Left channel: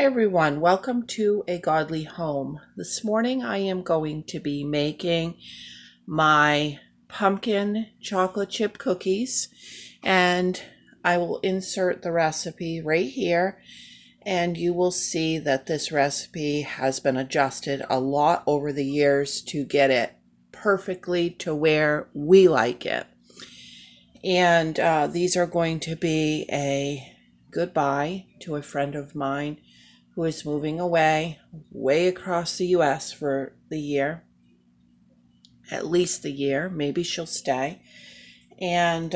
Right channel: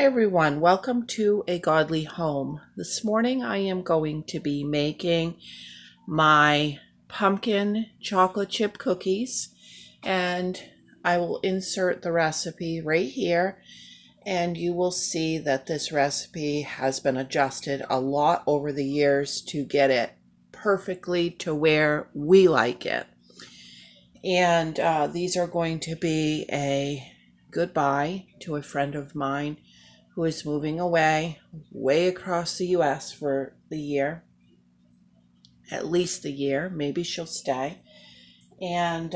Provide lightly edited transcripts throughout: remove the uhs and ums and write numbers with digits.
Hi everyone, welcome to A Godly Home. This morning I am going to be making my pumpkin chocolate chip cookies, and I will insert the recipe right here, and you will see that this recipe has been adjusted a lot over the years to get it perfectly to where we like it. And these are going to be a goodbye to a friend of mine who is moving away, way across the US for the year, at least the year. Maybe she'll stay. And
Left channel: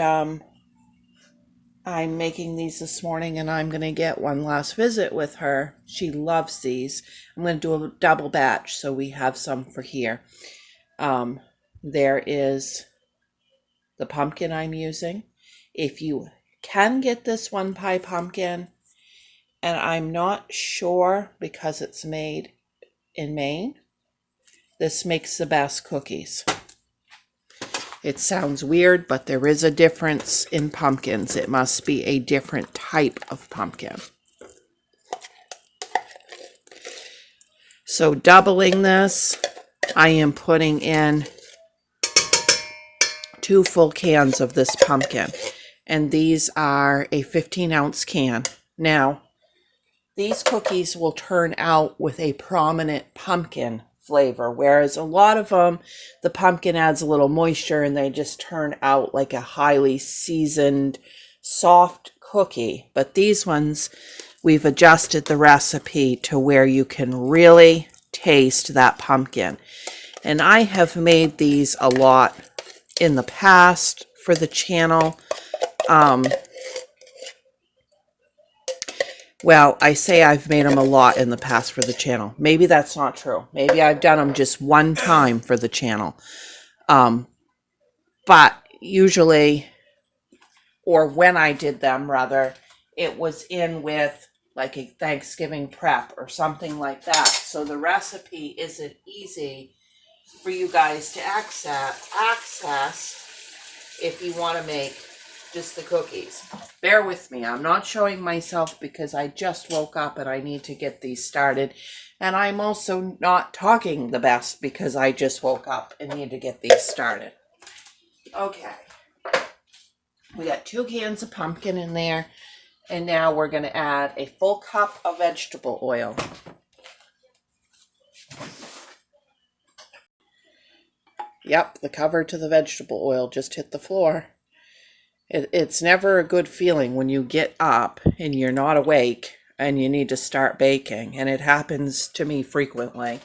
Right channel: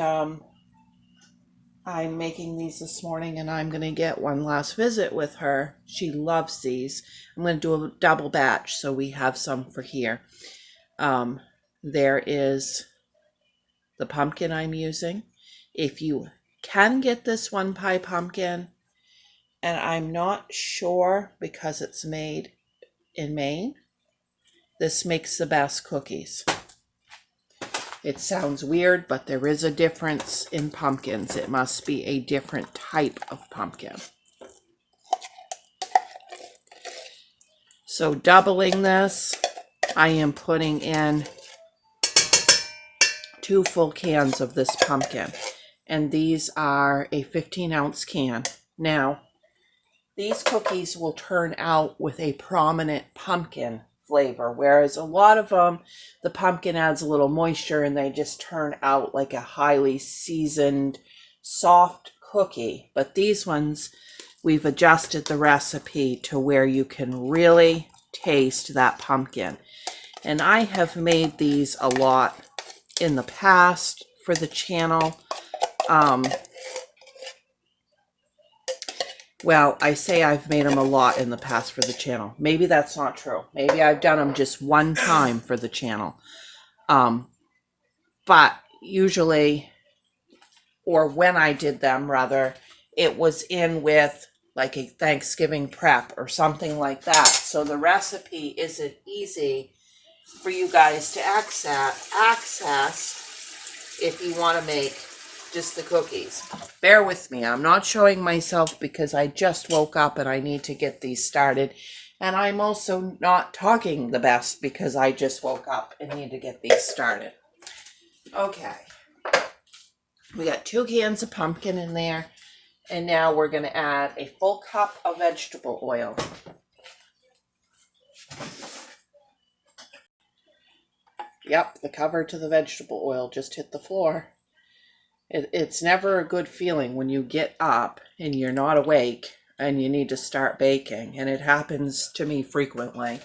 I'm making these this morning, and I'm going to get one last visit with her. She loves these. I'm going to do a double batch so we have some for here. There is the pumpkin I'm using. If you can get this one pie pumpkin, and I'm not sure because it's made in Maine, this makes the best cookies. It sounds weird, but there is a difference in pumpkins. It must be a different type of pumpkin. So doubling this, I am putting in 2 full cans of this pumpkin. And these are a 15-ounce can. Now, these cookies will turn out with a prominent pumpkin flavor, whereas a lot of them, the pumpkin adds a little moisture and they just turn out like a highly seasoned, soft cookie. But these ones, we've adjusted the recipe to where you can really taste that pumpkin. And I have made these a lot in the past for the channel. Well, I say I've made them a lot in the past for the channel. Maybe that's not true. Maybe I've done them just one time for the channel. But usually, or when I did them, rather, it was in with like a Thanksgiving prep or something like that. So the recipe isn't easy for you guys to access if you want to make just the cookies. Bear with me. I'm not showing myself because I just woke up and I need to get these started. And I'm also not talking the best because I just woke up and need to get these started. Okay. We got 2 cans of pumpkin in there. And now we're going to add a full cup of vegetable oil. Yep, the cover to the vegetable oil just hit the floor. It's never a good feeling when you get up and you're not awake and you need to start baking, and it happens to me frequently.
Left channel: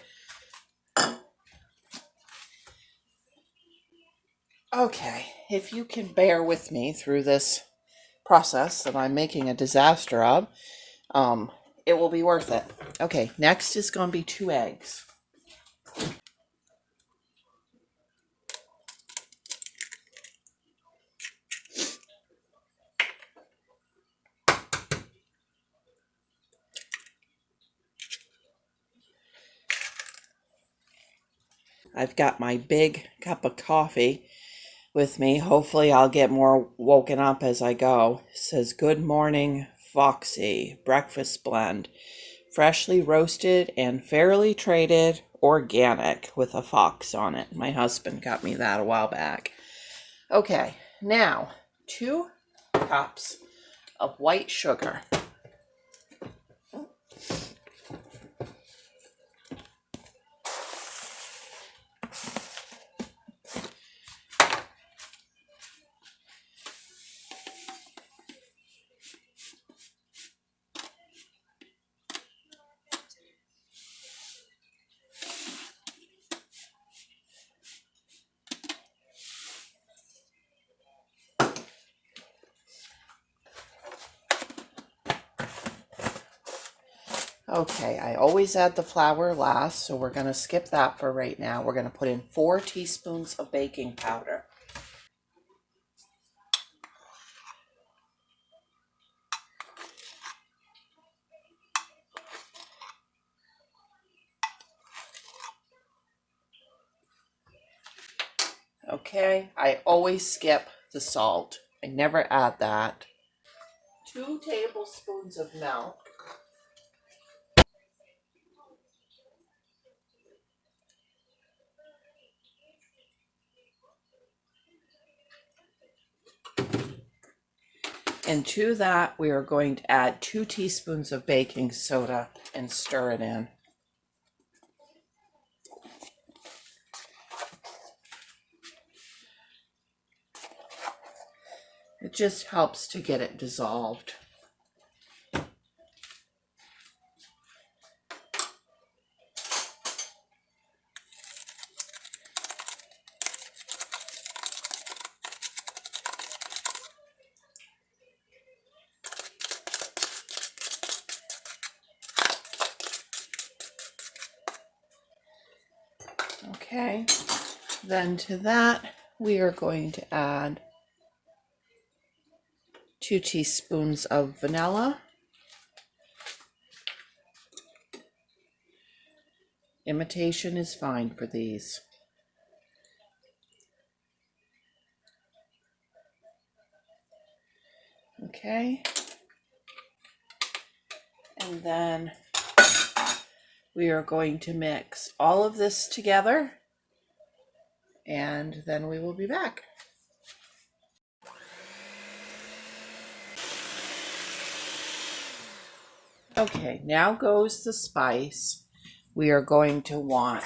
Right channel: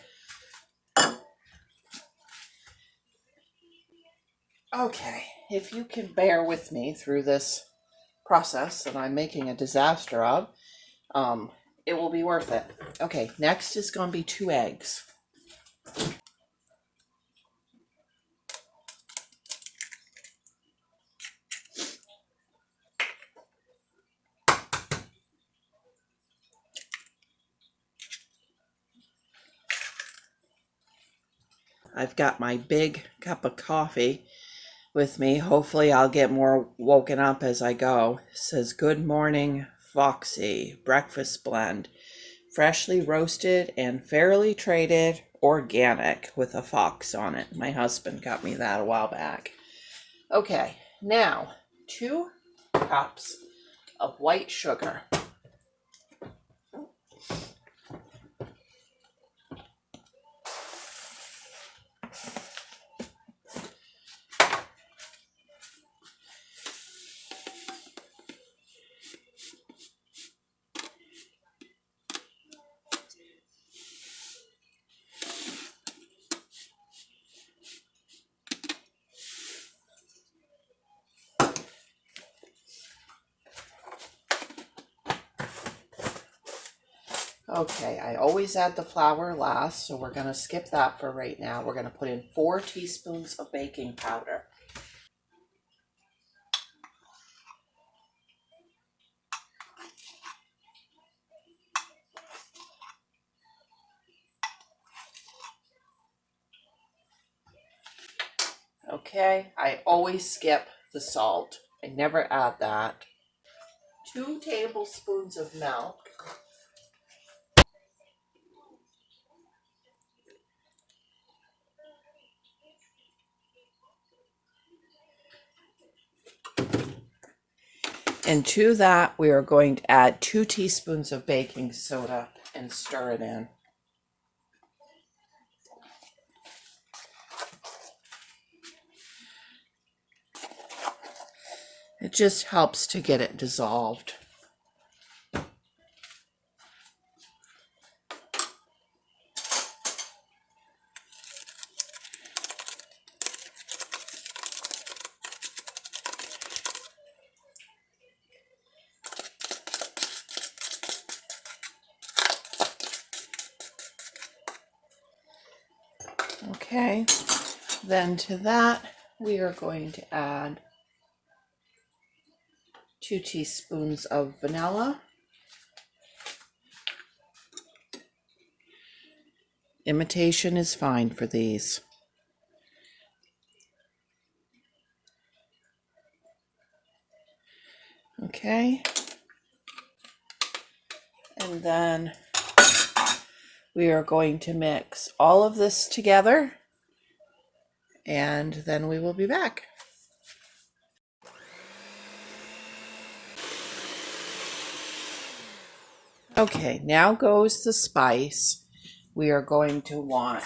Okay, if you can bear with me through this process that I'm making a disaster of, it will be worth it. Okay, next is going to be 2 eggs. I've got my big cup of coffee with me. Hopefully I'll get more woken up as I go. It says, "Good morning, Foxy breakfast blend. Freshly roasted and fairly traded, organic," with a fox on it. My husband got me that a while back. Okay, now 2 cups of white sugar. Okay, I always add the flour last, so we're going to skip that for right now. We're going to put in 4 teaspoons of baking powder. Okay, I always skip the salt. I never add that. 2 tablespoons of milk. And to that, we are going to add 2 teaspoons of baking soda and stir it in. It just helps to get it dissolved. Okay, then to that, we are going to add 2 teaspoons of vanilla. Imitation is fine for these. Okay, and then we are going to mix all of this together, and then we will be back. Okay, now goes the spice. We are going to want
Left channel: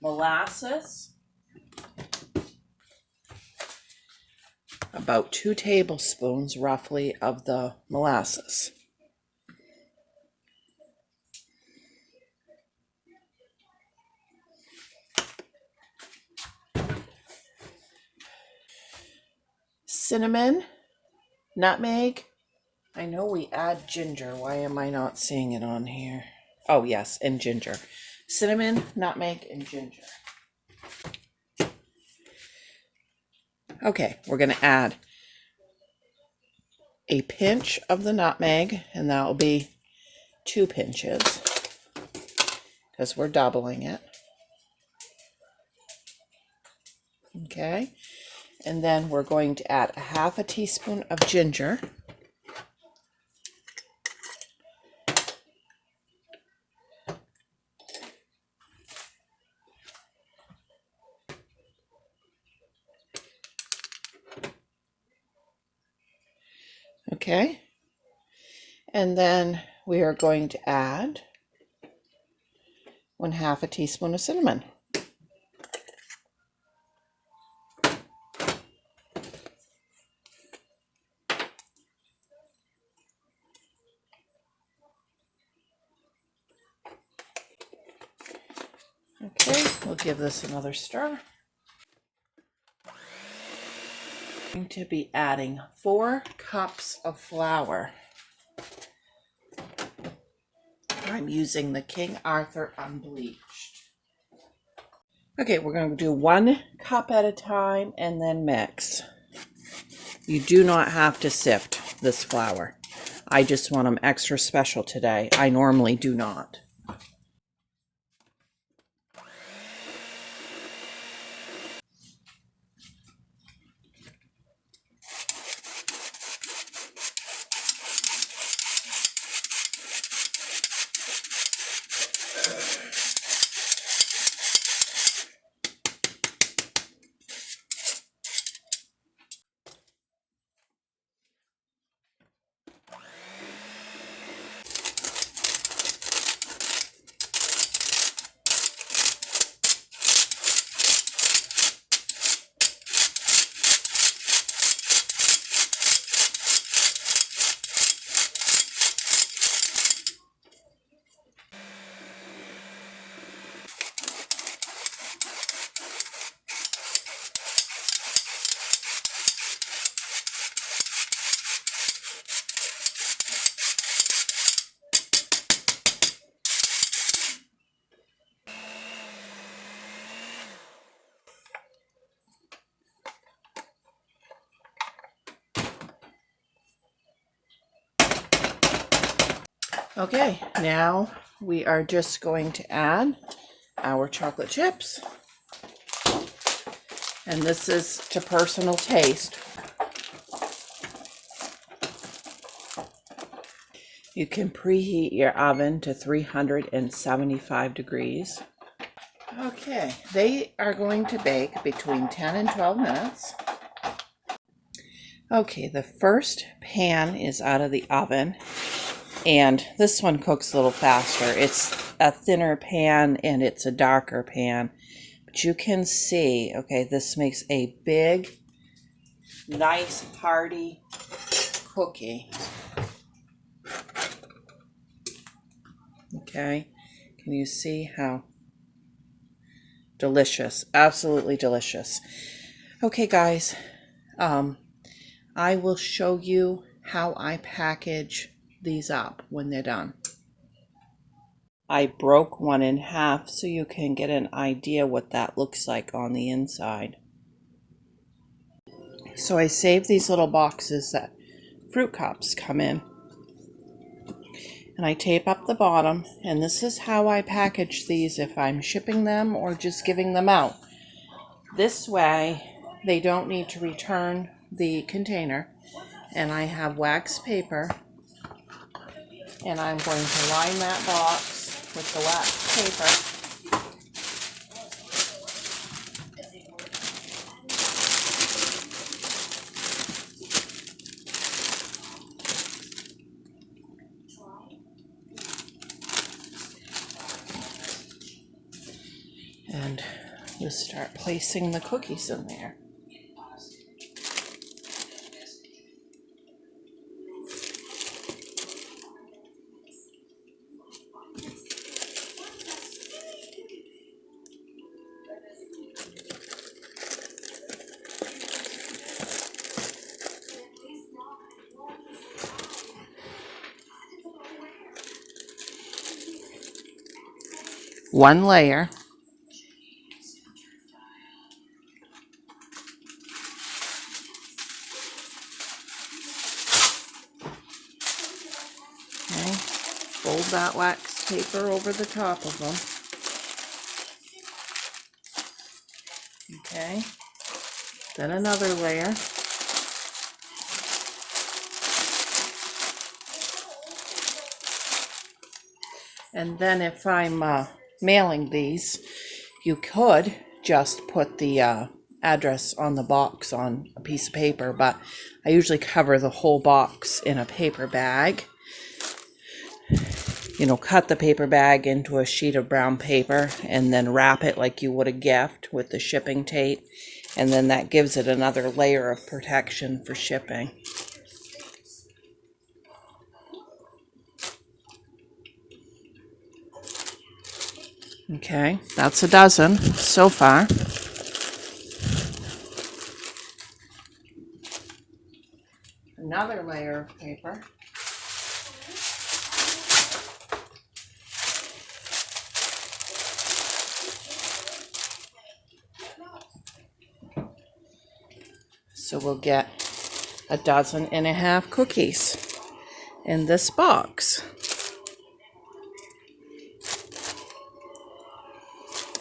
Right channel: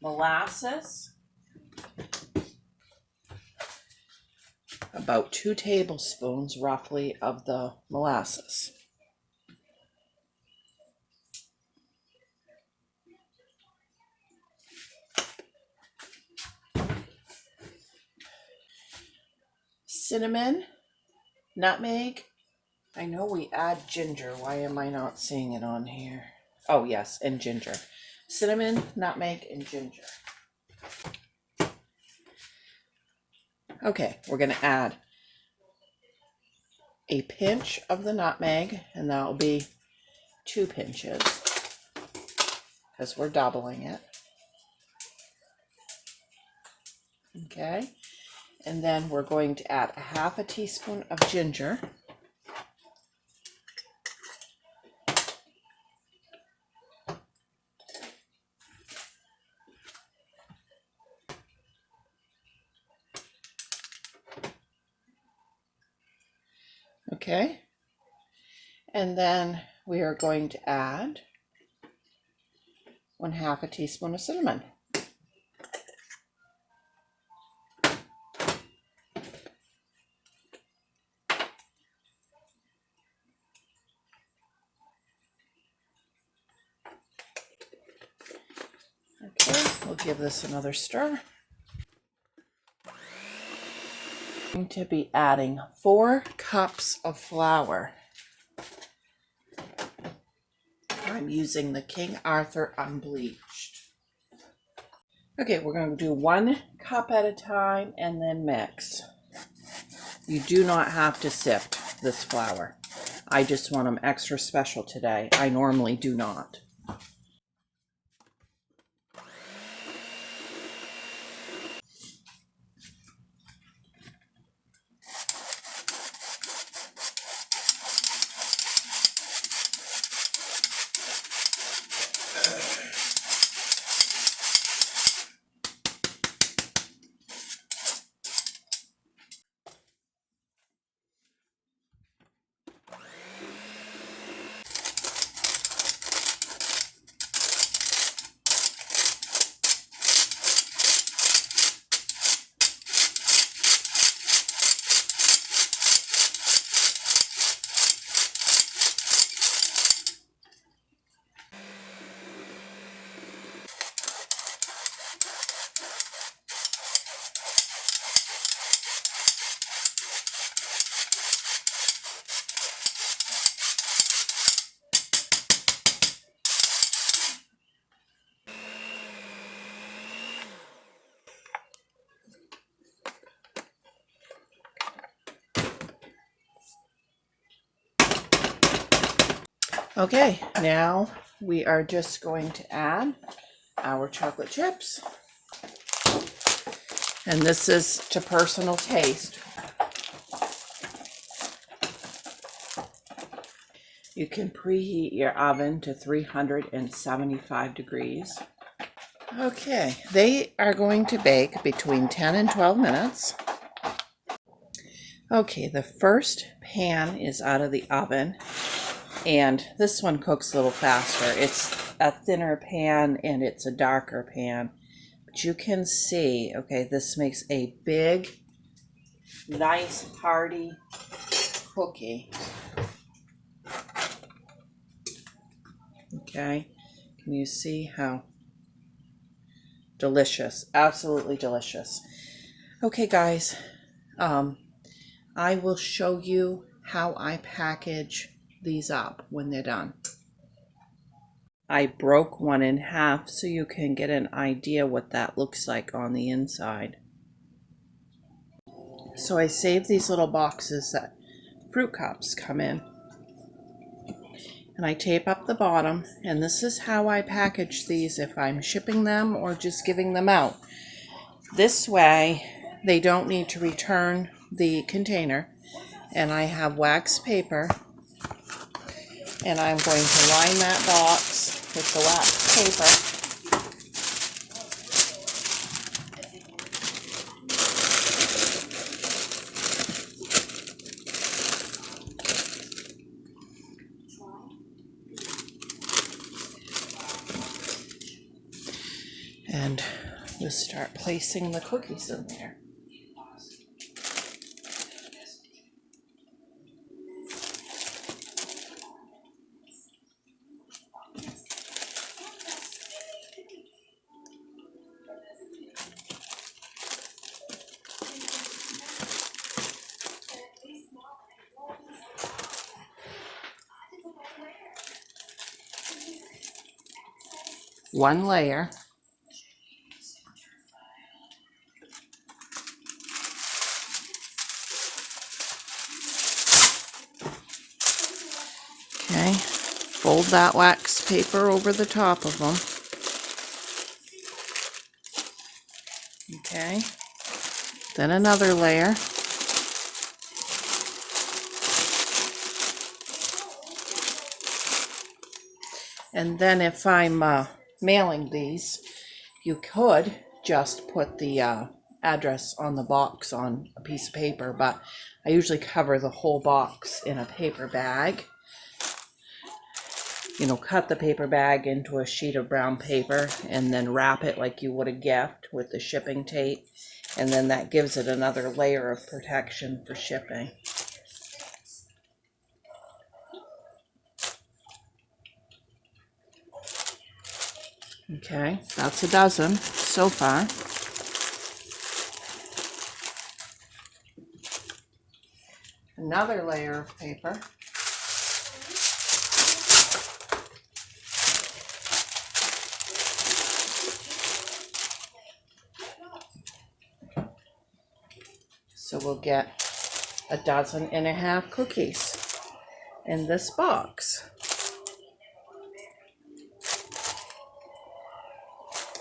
molasses, about 2 tablespoons roughly of the molasses. Cinnamon, nutmeg. I know we add ginger. Why am I not seeing it on here? Oh, yes, and ginger. Cinnamon, nutmeg, and ginger. Okay, we're going to add a pinch of the nutmeg, and that will be 2 pinches because we're doubling it. Okay, and then we're going to add 1/2 teaspoon of ginger. Okay, and then we are going to add 1/2 teaspoon of cinnamon. Okay, we'll give this another stir. I'm going to be adding 4 cups of flour. I'm using the King Arthur unbleached. Okay, we're going to do 1 cup at a time and then mix. You do not have to sift this flour. I just want them extra special today. I normally do not. Okay, now we are just going to add our chocolate chips. And this is to personal taste. You can preheat your oven to 375 degrees. Okay, they are going to bake between 10 and 12 minutes. Okay, the first pan is out of the oven, and this one cooks a little faster. It's a thinner pan and it's a darker pan. But you can see, okay, this makes a big, nice, hearty cookie. Okay, can you see how delicious? Absolutely delicious. Okay, guys, I will show you how I package these up when they're done. I broke one in half so you can get an idea what that looks like on the inside. So I saved these little boxes that fruit cups come in. And I tape up the bottom, and this is how I package these if I'm shipping them or just giving them out. This way, they don't need to return the container. And I have wax paper, and I'm going to line that box with the wax paper. And we'll start placing the cookies in there. One layer. Okay, fold that wax paper over the top of them. Okay, then another layer. And then if I'm mailing these, you could just put the address on the box on a piece of paper, but I usually cover the whole box in a paper bag. You know, cut the paper bag into a sheet of brown paper and then wrap it like you would a gift with the shipping tape. And then that gives it another layer of protection for shipping. Okay, that's a dozen so far. Another layer of paper. So we'll get 1.5 dozen cookies in this box.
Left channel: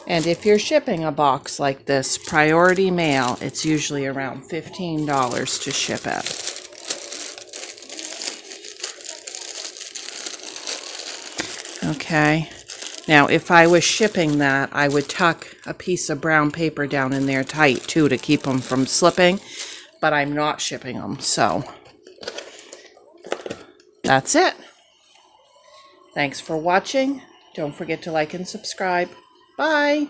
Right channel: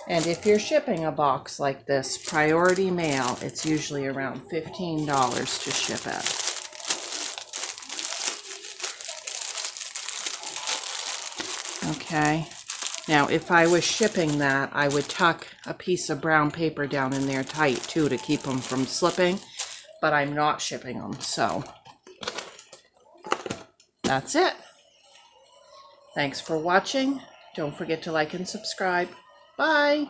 And if you're shipping a box like this, priority mail, it's usually around $15 to ship it. Okay, now if I was shipping that, I would tuck a piece of brown paper down in there tight too to keep them from slipping, but I'm not shipping them, so that's it. Thanks for watching. Don't forget to like and subscribe. Bye.